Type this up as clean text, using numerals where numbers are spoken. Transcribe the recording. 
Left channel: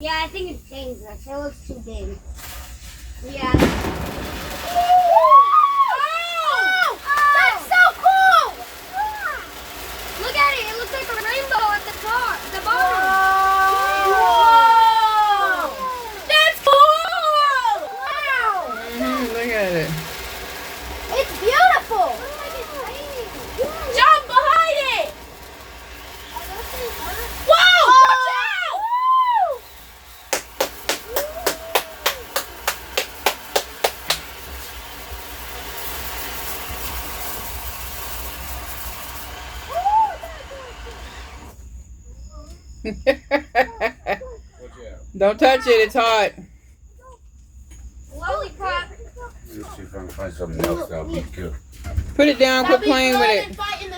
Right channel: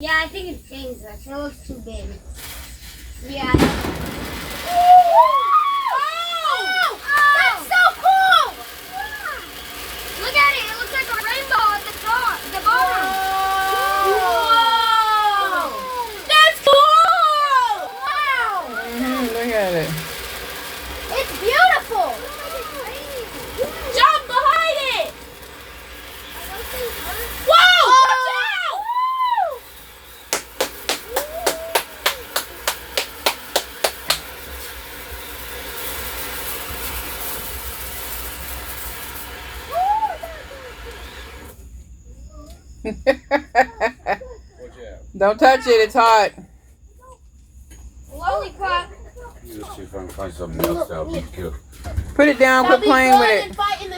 Yeah, I think it's dangerous. It looks too big. Yeah. Oh! That's so cool! Look at it. It looks like a rainbow at the top, the bottom. Whoa! That's cool! Wow! Look at it. It's beautiful. Jump behind it. Whoa! Watch out! Don't touch it, it's hot. Lollipop. Let's see if I can find something else that'll be good. Put it down, quit playing with it. Fighting the